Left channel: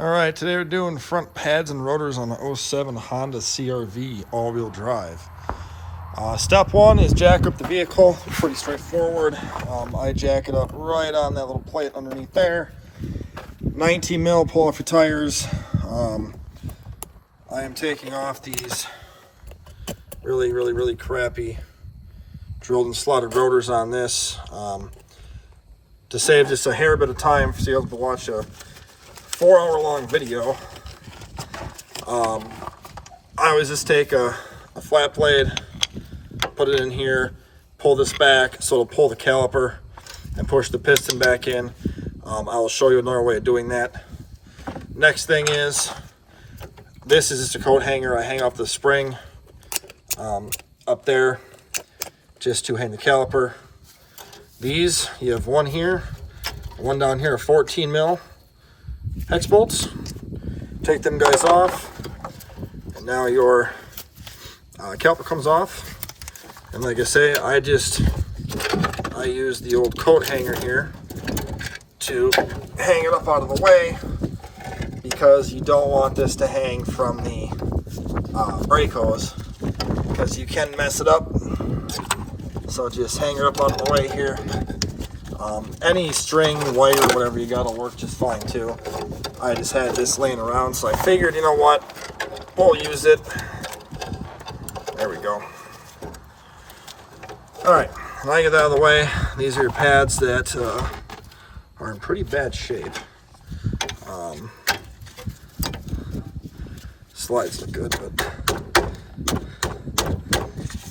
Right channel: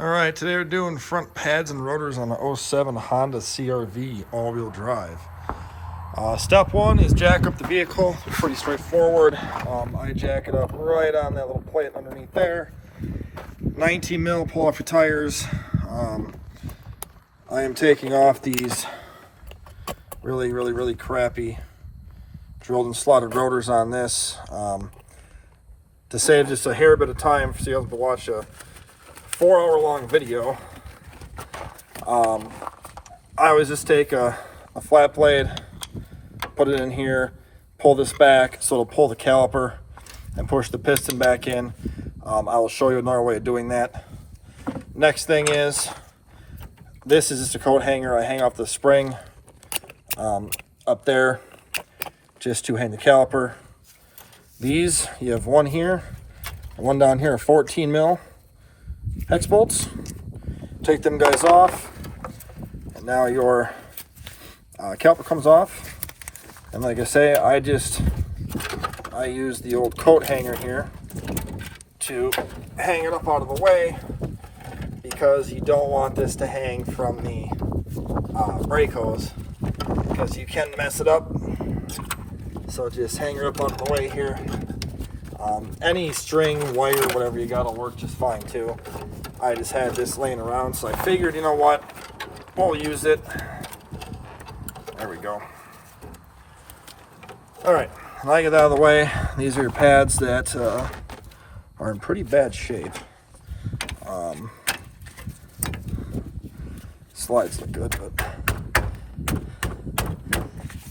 All right, today we're doing front pads and rotors on the 07 Honda CRV all-wheel drive. Step one is jack up the vehicle. Pretty straightforward. I jack it up right on that little plate underneath there. 19 mil, pull off your tires. I am taking off these really crappy drilled and slotted rotors on this to save just a hair bit of time for you able to watch a 4-hour long video. I always just take a flat blade, put it in here, pull this back so it'll pull the caliper and push the piston back in. I will show you another way of doing that. Next thing is, this is just a coat hanger. I hang off the spring up there just to hang the caliper. These, you have one here, one down here, 14 mil hex bolts. Take them guys off, and now your caliper comes off. And like I say, I use the old coat hanger here to hang it up out of the way, because you don't want this to hang from the brake hose, because you can mess it up. So just hang it up out of the way here. Any string, wire, whatever you got will work just fine too. I just had this laying around, so I figured, you know what, we'll use it. There we go. Alright, now I get that out of the way. These are your pads that are in pretty bad shape. Slides look good, but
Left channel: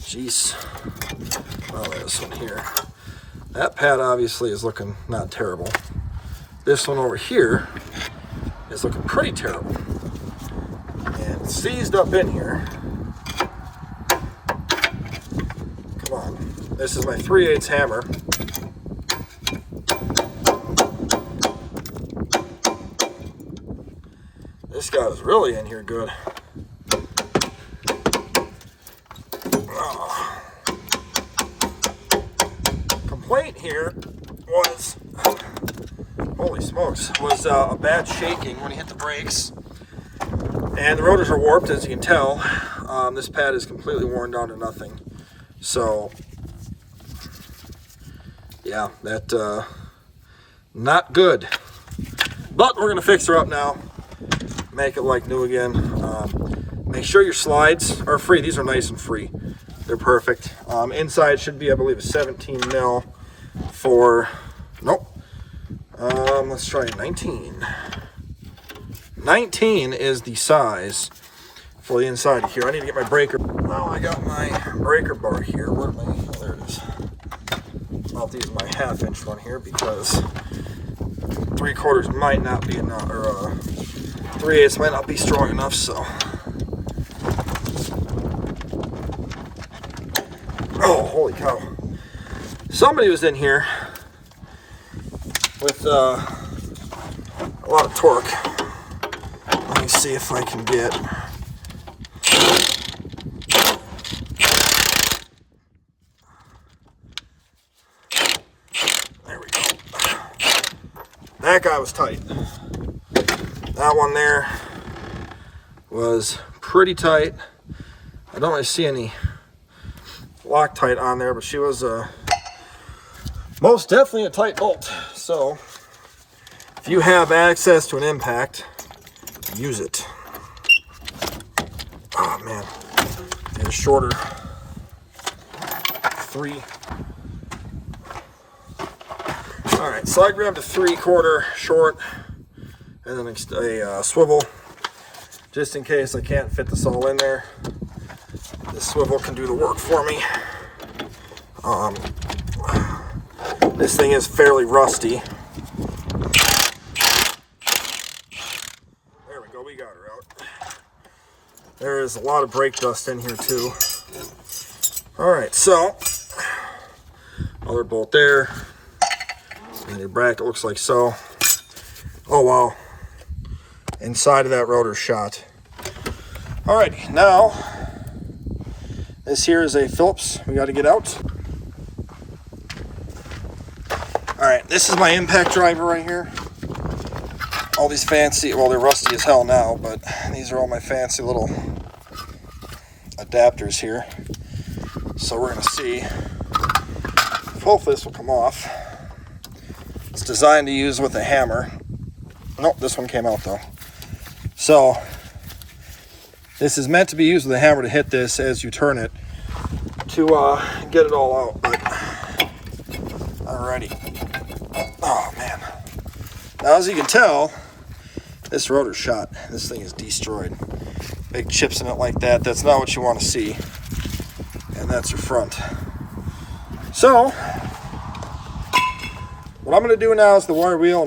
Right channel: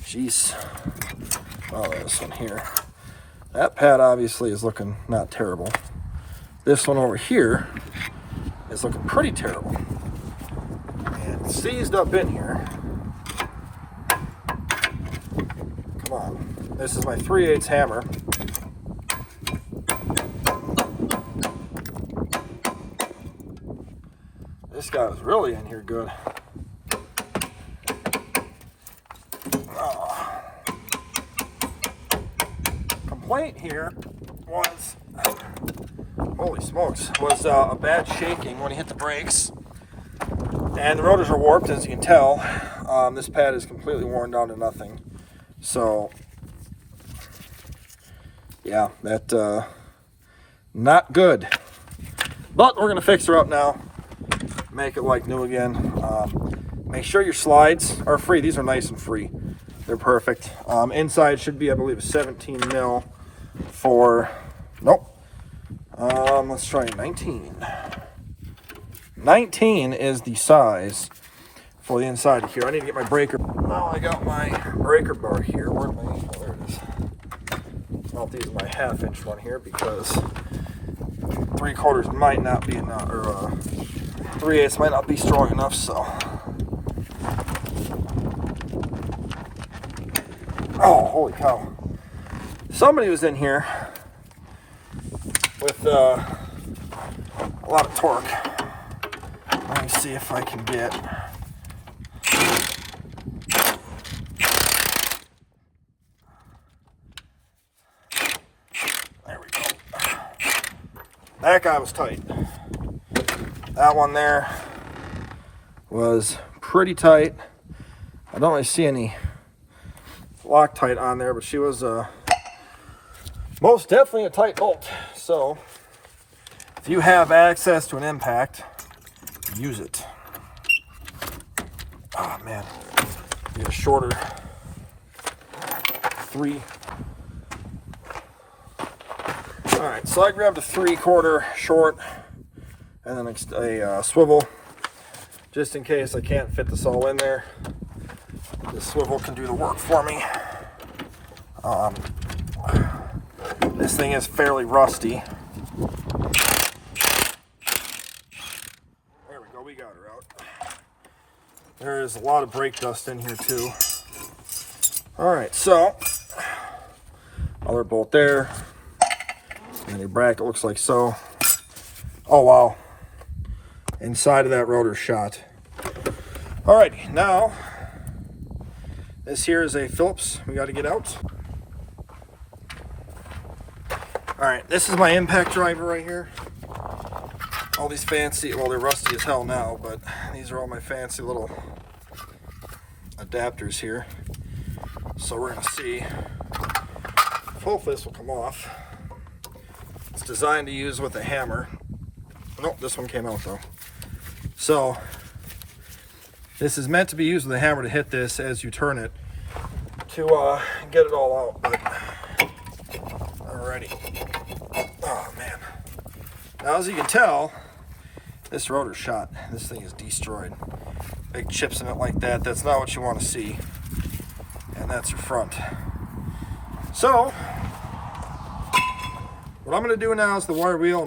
jeez. Oh, this one here. That pad obviously is looking not terrible. This one over here is looking pretty terrible. And it's seized up in here. Come on. This is my 3/8 hammer. This guy was really in here good. Complaint here was, holy smokes, was a bad shaking when he hit the brakes. And the rotors are warped, as you can tell. This pad is completely worn down to nothing. So, yeah, that, not good. But we're going to fix her up now. Make it like new again. Make sure your slides are free. These are nice and free. They're perfect. Inside should be, I believe, 17 mil for, nope. Let's try 19. 19 is the size for the inside of here. I need to get my breaker. Now I got my breaker bar here. Where am I? Oh, there it is. I'll use my 1/2 inch one here, because 3/4 might not be enough, or 3/8 might not be strong enough, so. Oh, holy cow. Somebody was in here with a lot of torque. Let me see if I can get. There we go. That guy was tight. That one there was pretty tight. I don't really see any Loctite on there, but she was most definitely a tight bolt. So if you have access to an impact, use it. Oh man, get a shorter 3. All right, so I grabbed a 3/4 short and then a swivel, just in case I can't fit this all in there. The swivel can do the work for me. This thing is fairly rusty. There we go, we got her out. There is a lot of brake dust in here too. Alright, so other bolt there. And your bracket looks like so. Oh wow. Inside of that rotor shot. Alrighty, now this here is a Phillips we got to get out. All right, this is my impact driver right here. all these fancy, well, they're rusty as hell now, but these are all my fancy little adapters here. So we're going to see if hopefully this will come off. It's designed to use with a hammer. Nope, this one came out though. So this is meant to be used with a hammer to hit this as you turn it to get it all out. But alrighty. Oh man. Now as you can tell, this rotor's shot. This thing is destroyed. Big chips in it like that. That's not what you want to see. And that's your front. So what I'm going to do now is the wire wheel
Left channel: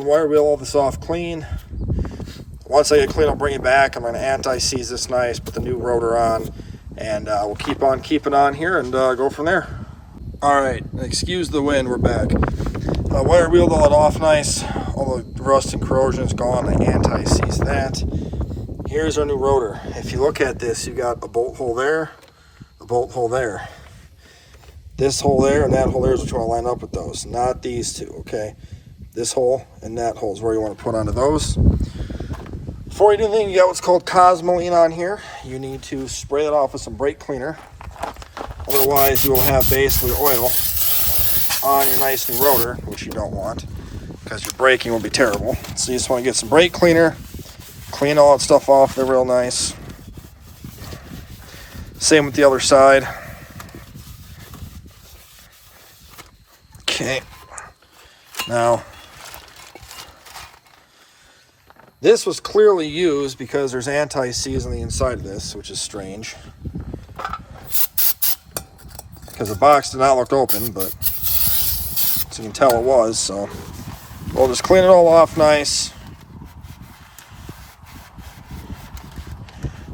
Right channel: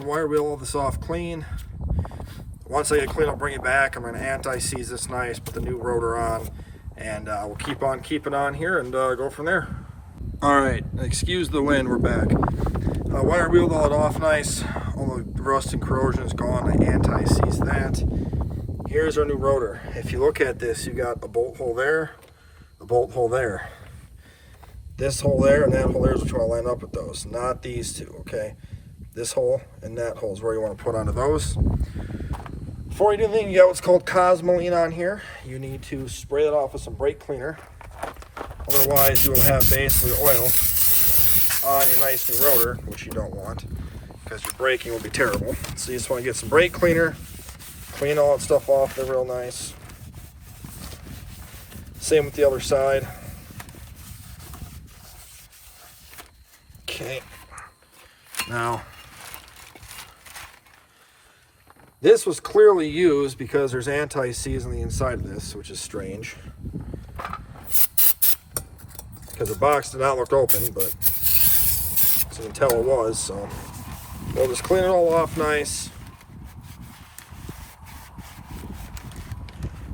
all this off clean. Once I get clean, I'll bring it back. I'm going to anti-seize this nice, put the new rotor on, and we'll keep on keeping on here and go from there. All right, excuse the wind, we're back. Wire wheeled all it off nice. All the rust and corrosion is gone. I anti-seized that. Here's our new rotor. If you look at this, you got a bolt hole there, a bolt hole there. This hole there and that hole there is what you want to line up with those, not these two, okay? This hole and that hole is where you want to put onto those. Before you do anything, you got what's called Cosmoline on here. You need to spray that off with some brake cleaner. Otherwise, you will have basically oil on your nice new rotor, which you don't want, because your braking will be terrible. So you just want to get some brake cleaner, clean all that stuff off there real nice. Same with the other side. Okay. Now, this was clearly used because there's anti-seize on the inside of this, which is strange. Because the box did not look open, but as you can tell it was, so we'll just clean it all off nice.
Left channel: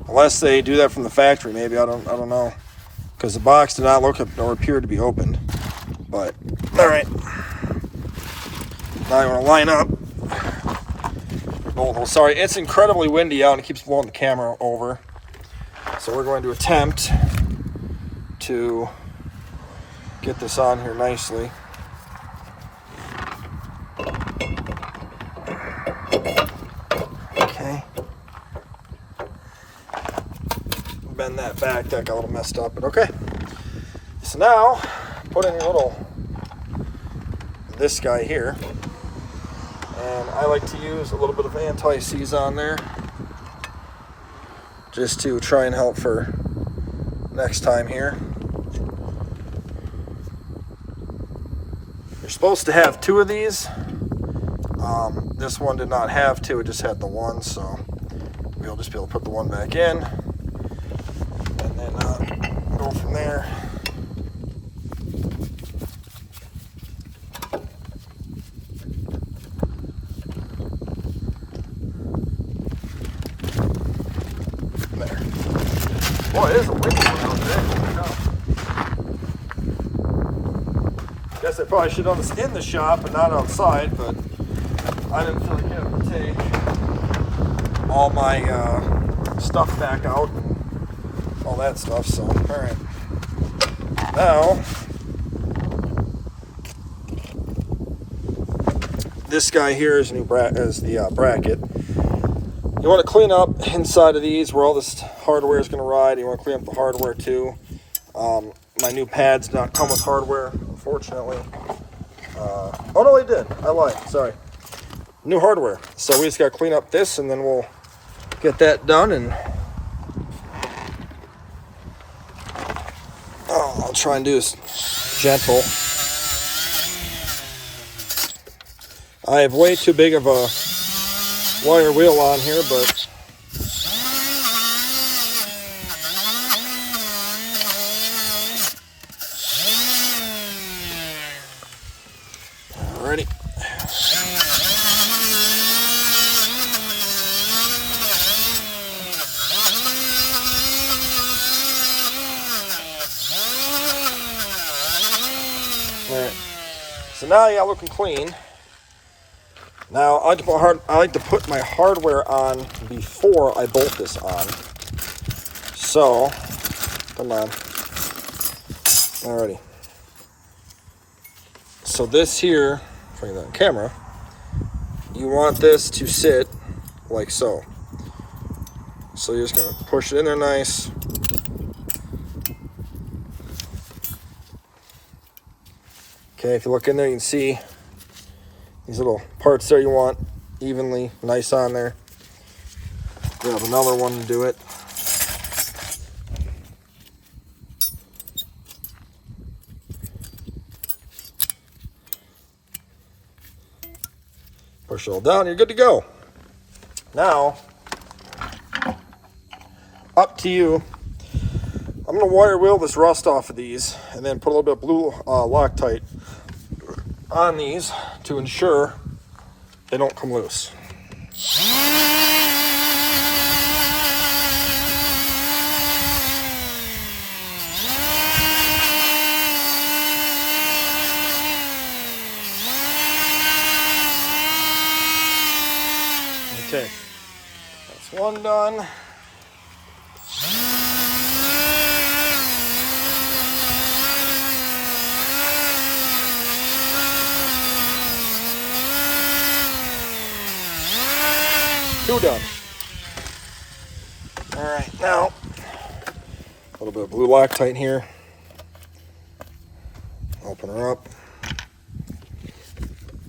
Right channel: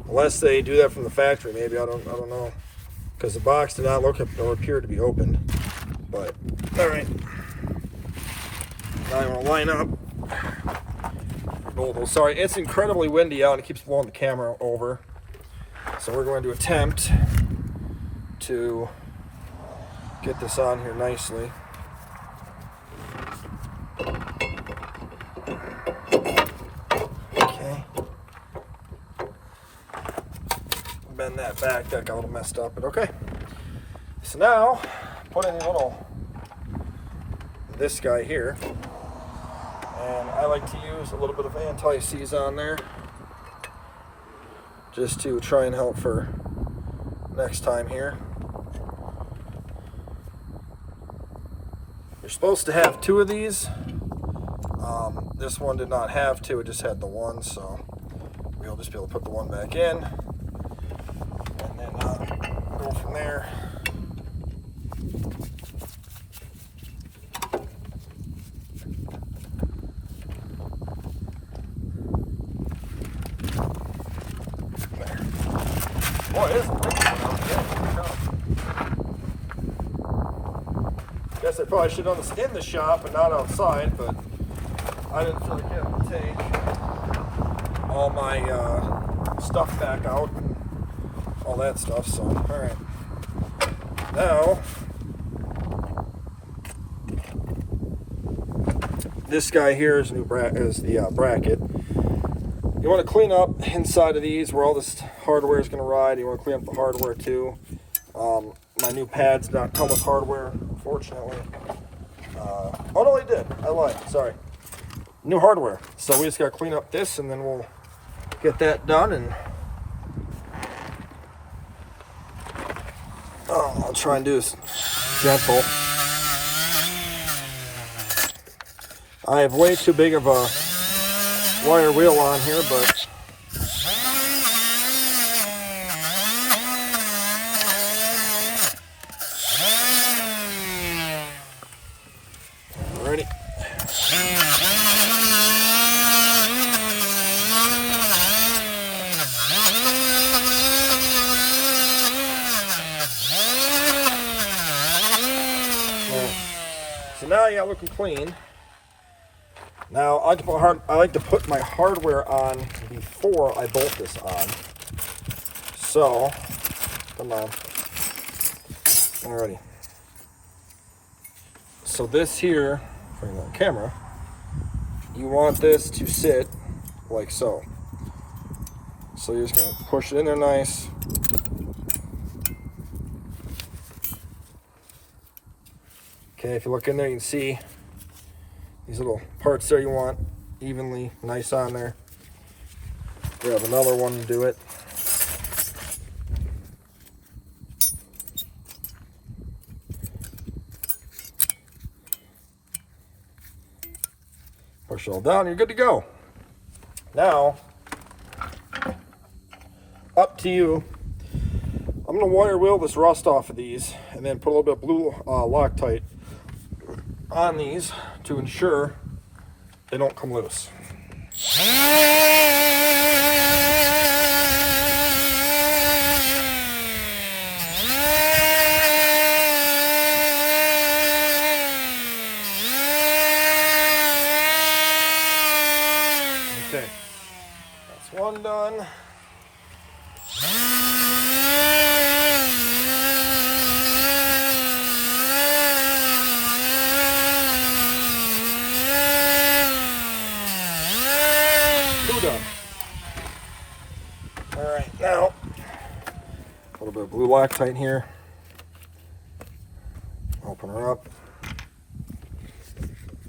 Unless they do that from the factory, maybe, I don't know. Because the box did not look or appear to be opened. But, alright. Now you want to line up. Oh, sorry, it's incredibly windy out and it keeps blowing the camera over. So we're going to attempt to get this on here nicely. Okay. Bend that back, that got a little messed up, but okay. So now, put in your this guy here. And I like to use a little bit of anti-seize on there just to try and help for next time here. You're supposed to have 2 of these. This one did not have 2, it just had the 1, so we'll just be able to put the 1 back in and then go from there. Well, it is a windy one out there. Guess I probably should have done this in the shop and not outside, but I didn't feel like getting to take all my stuff back out and all that stuff, so alright. Now, this guy here is the bracket. You want to clean up inside of these where all this hardware is going to ride. You want to clean up the hardware too. My new pads don't come with hardware, unfortunately. Oh no, they did. I lied. Sorry. New hardware. So we just got to clean up this, and then we'll get that done. And I'll try and do this gentle. I have way too big of a wire wheel on here, but alrighty. Alright. So now you got looking clean. Now, I like to put my hardware on before I bolt this on. So, come on. Alrighty. So this here, putting that on camera, you want this to sit like so. So you're just going to push it in there nice. Okay, if you look in there, you can see these little parts there you want evenly, nice on there. Grab another one and do it. Push it all down, you're good to go. Now, up to you. I'm going to wire wheel this rust off of these and then put a little bit of blue Loctite on these to ensure they don't come loose. Okay, that's one done. Two done. All right, now a little bit of blue Loctite here. Open her up.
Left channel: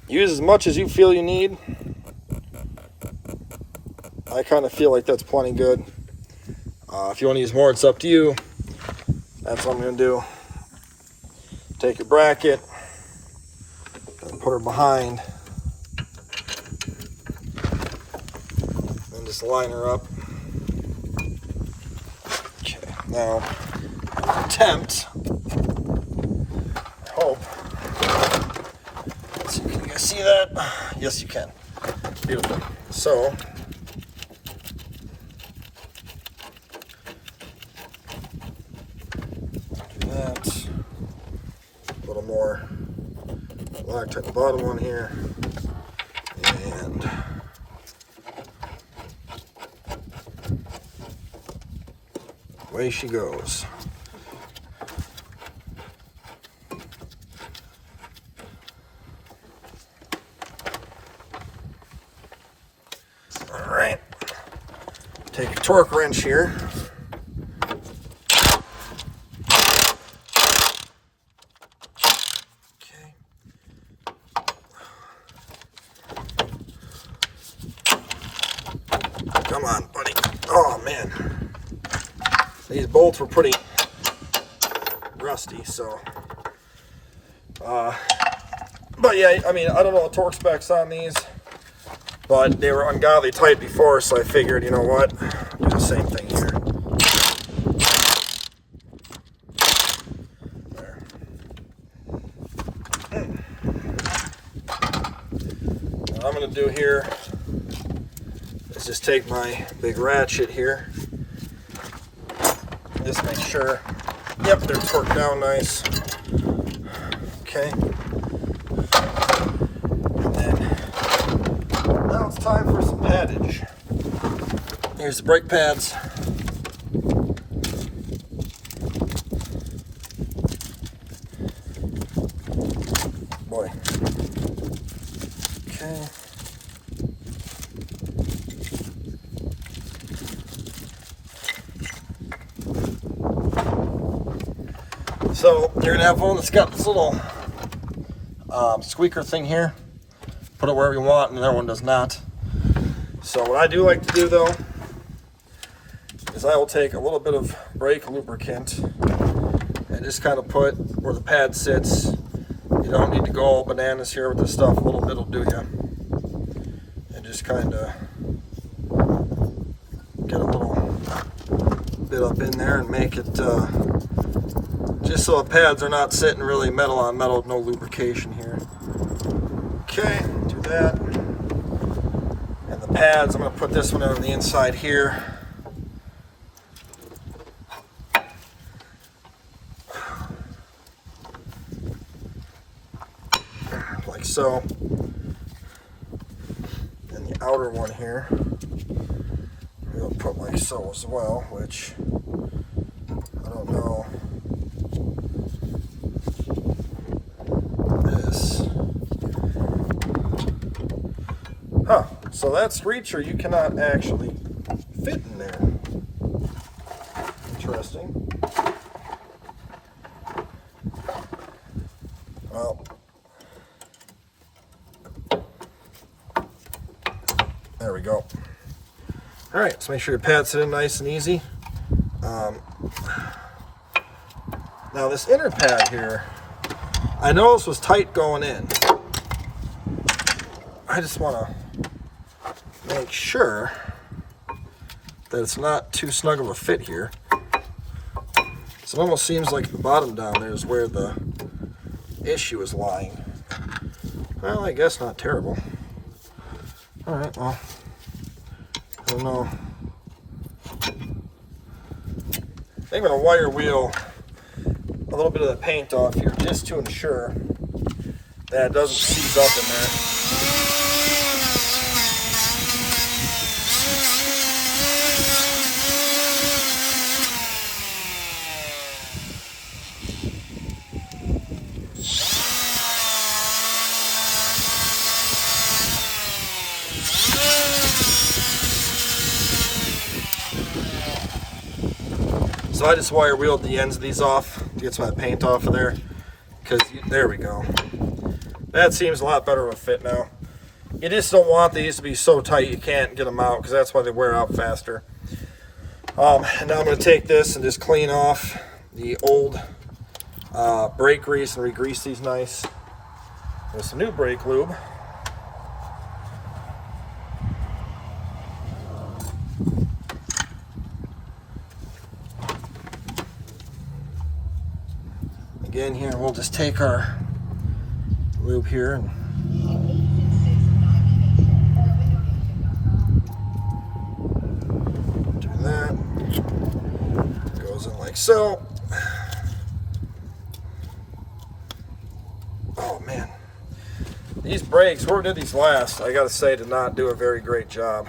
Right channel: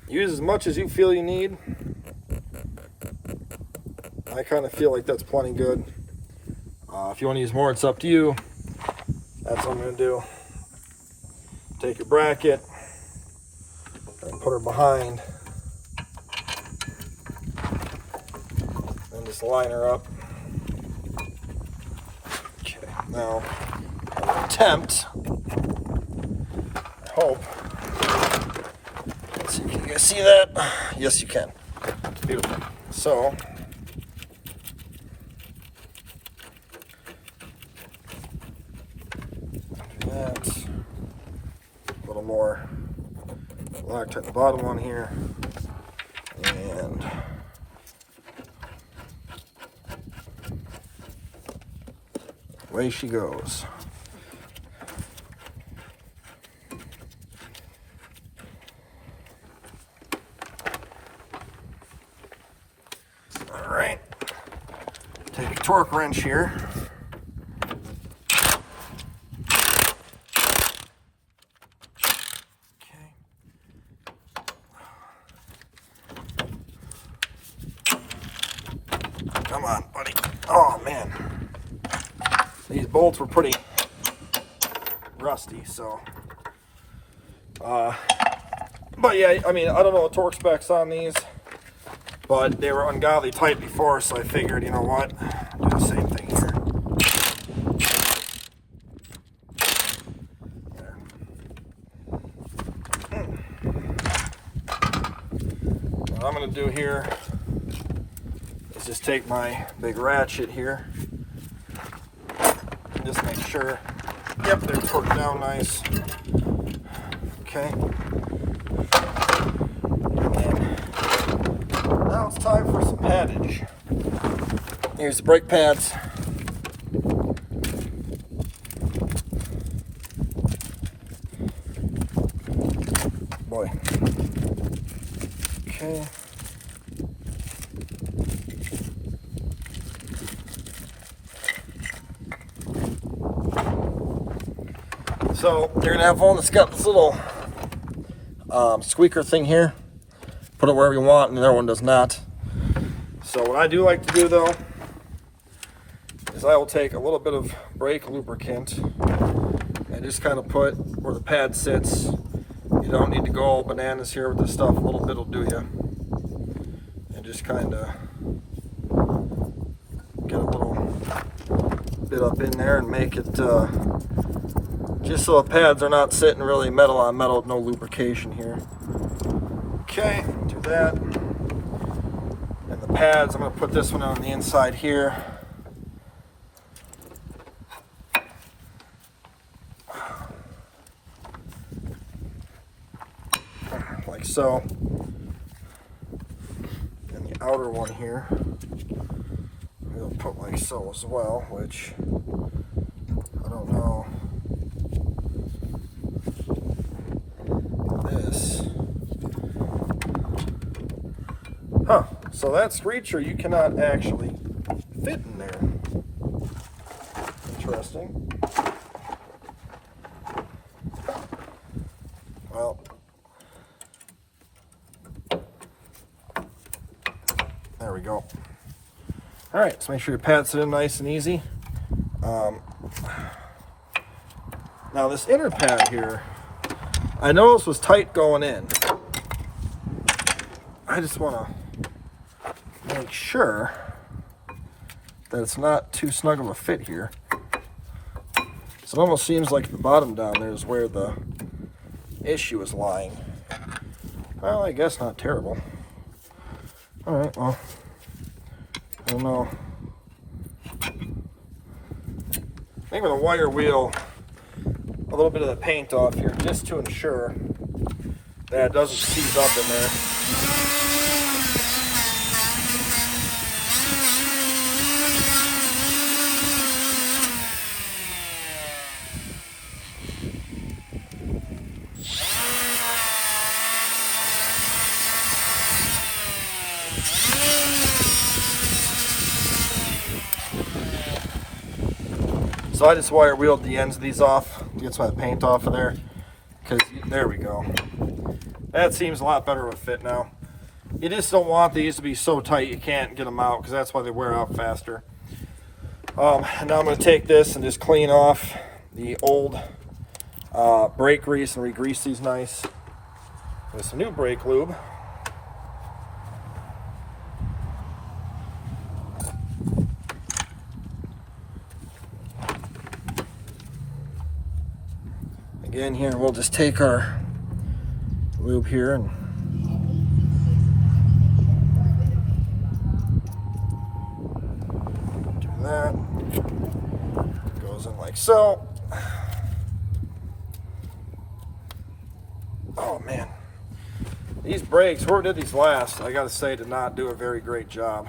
Use as much as you feel you need. I kind of feel like that's plenty good. If you want to use more, it's up to you. That's what I'm going to do. Take your bracket and put her behind. And just line her up. Okay, now I'll attempt. I hope. So can you guys see that? Yes, you can. Beautiful. So do that. A little more Loctite the bottom one here, and away she goes. All right, take your torque wrench here. Okay. Come on, buddy. Oh man. These bolts were pretty rusty, so. But yeah, I mean, I don't know the torque specs on these, but they were ungodly tight before, so I figured, you know what, do the same thing here. There. What I'm going to do here is just take my big ratchet here. Just make sure, yep, they're torqued down nice. Okay. And then now it's time for some paddage. Here's the brake pads. Boy. Okay. So you're gonna have one that's got this little squeaker thing here. Put it wherever you want, and the other one does not. So what I do like to do though is I will take a little bit of brake lubricant and just kind of put where the pad sits. You don't need to go all bananas here with this stuff. A little bit will do you. And just kind of get a little bit up in there and make it just so the pads are not sitting really metal on metal with no lubrication here. Okay, do that. And the pads, I'm going to put this one on the inside here. Like so. And the outer one here, we'll put like so as well, which I don't know. So that screecher you cannot actually fit in there. Interesting. Well, there we go. All right, so make sure your pads sit in nice and easy. Now this inner pad here, I know this was tight going in. I just want to make sure that it's not too snug of a fit here. So it almost seems like the bottom down there is where the issue is lying. Well, I guess not terrible. All right, well, I don't know. I think I'm going to wire wheel a little bit of the paint off here just to ensure that it doesn't seize up in there. So I just wire wheeled the ends of these off, get some of the paint off of there, because there we go. That seems a lot better of a fit now. You just don't want these to be so tight you can't get them out, because that's why they wear out faster. And now I'm going to take this and just clean off the old brake grease and re-grease these nice with some new brake lube. Again, here we'll just take our lube here and do that. Goes in like so. Oh man, these brakes, whoever did these last, I gotta say, did not do a very great job,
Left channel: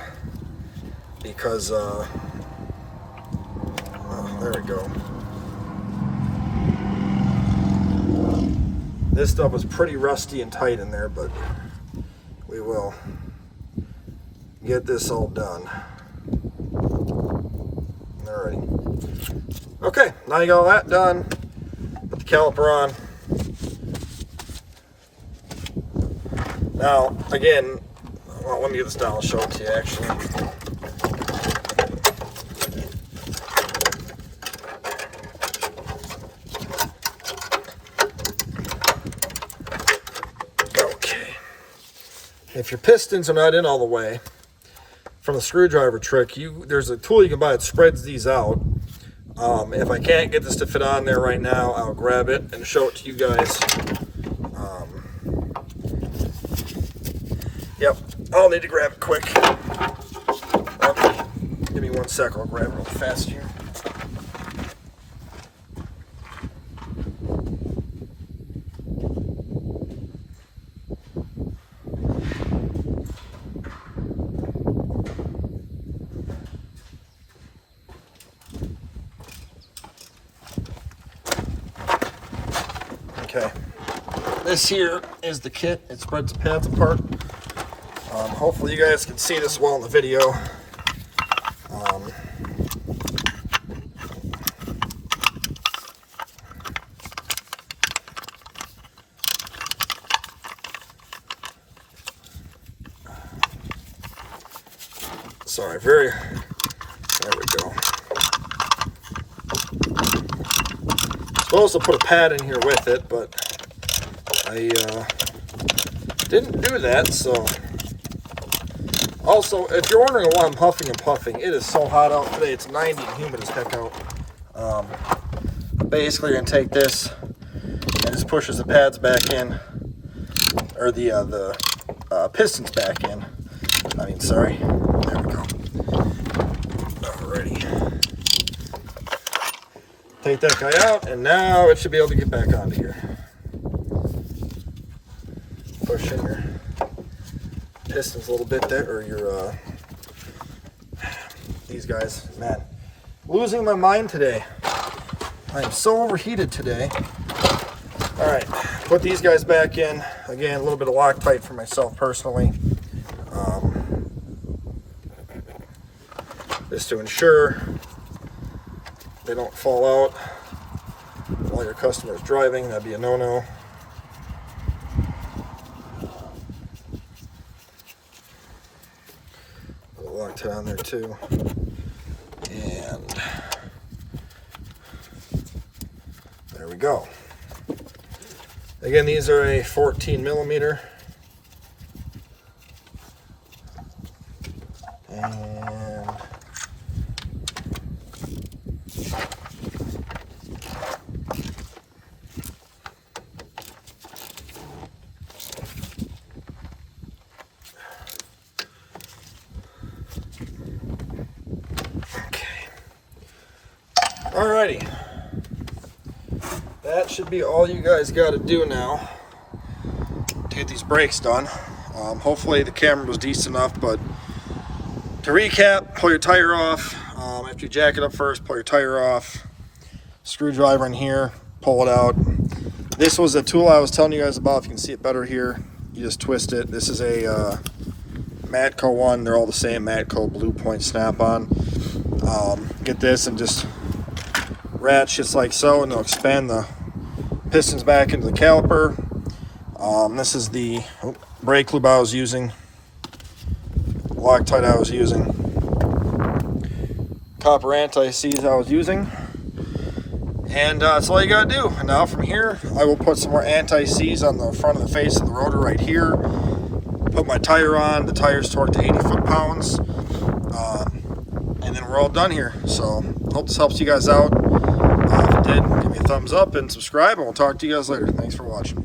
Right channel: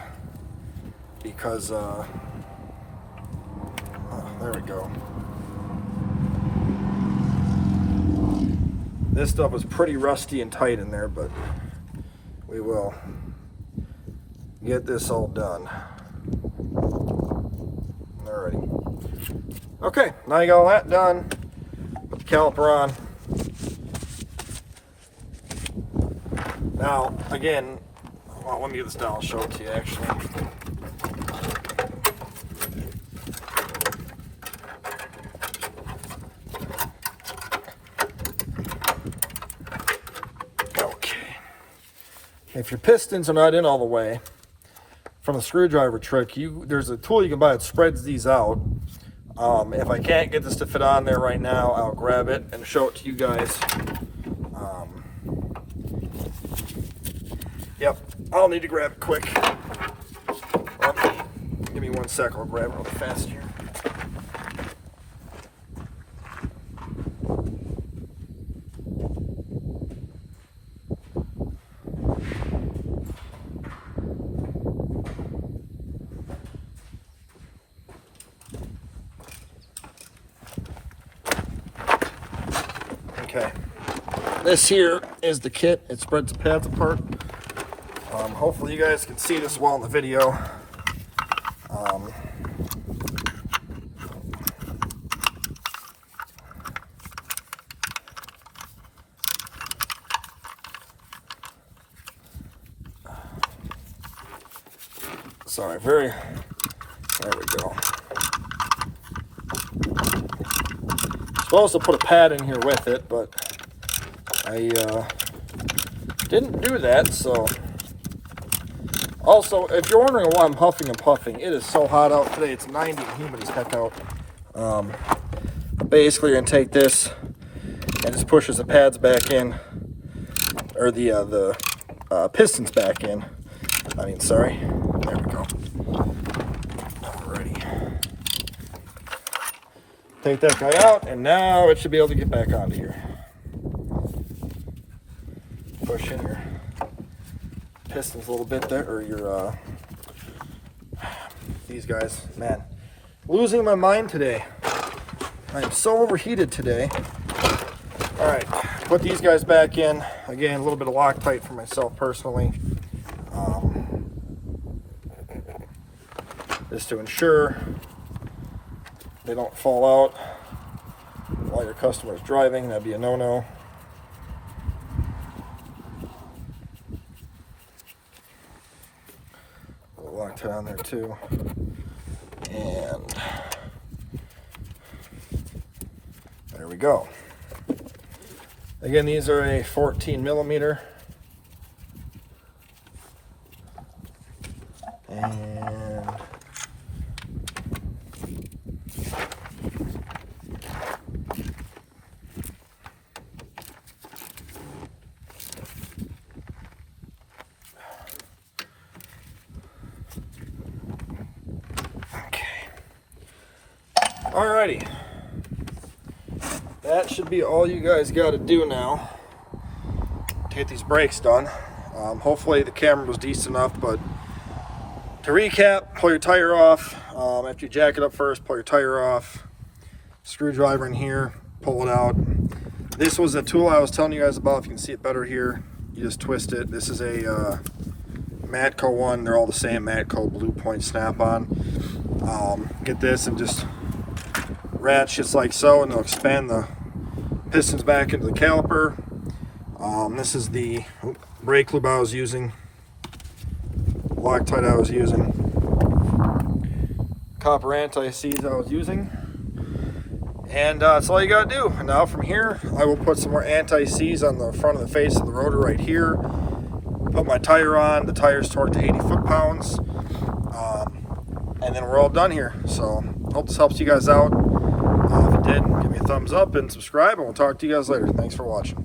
because oh, there we go. This stuff was pretty rusty and tight in there, but we will get this all done. Alrighty. Okay, now you got all that done. Put the caliper on. Now, again, well, let me get this down, I'll show it to you actually. If your pistons are not in all the way, from the screwdriver trick, there's a tool you can buy that spreads these out. If I can't get this to fit on there right now, I'll grab it and show it to you guys. Yep, I'll need to grab it quick. Oh, give me 1 sec, I'll grab it real fast here. Okay, this here is the kit. It spreads the pads apart. Hopefully you guys can see this well in the video. Sorry, there we go. Supposed to put a pad in here with it, but I didn't do that. So also, if you're wondering why I'm huffing and puffing, it is so hot out today. It's 90 and humid as heck out. Basically, you're gonna take this and just pushes the pads back in, or the pistons back in. I mean, sorry. There we go. Alrighty. Take that guy out, and now it should be able to get back onto here. Push in your pistons a little bit there, or your these guys. Man, losing my mind today. I am so overheated today. All right, put these guys back in. Again, a little bit of Loctite for myself personally. just to ensure they don't fall out while your customer is driving. That'd be a no-no. Put a Loctite on there too. And there we go. Again, these are a 14 millimeter. And alrighty, that should be all you guys got to do now to get these brakes done. Hopefully the camera was decent enough, but to recap, pull your tire off. After you jack it up first, pull your tire off. Screwdriver in here, pull it out. This was the tool I was telling you guys about. If you can see it better here, you just twist it. This is a Matco one. They're all the same, Matco Blue Point Snap-on. Get this and just ratchet just like so, and they'll expand the pistons back into the caliper. This is the brake lube I was using, Loctite I was using, copper anti-seize I was using, and that's all you gotta do. And now from here I will put some more anti-seize on the front of the face of the rotor right here, put my tire on. The tire's torqued to 80 foot-pounds, and then we're all done here. So hope this helps you guys out. If it did, give me a thumbs up and subscribe, and we'll talk to you guys later. Thanks for watching.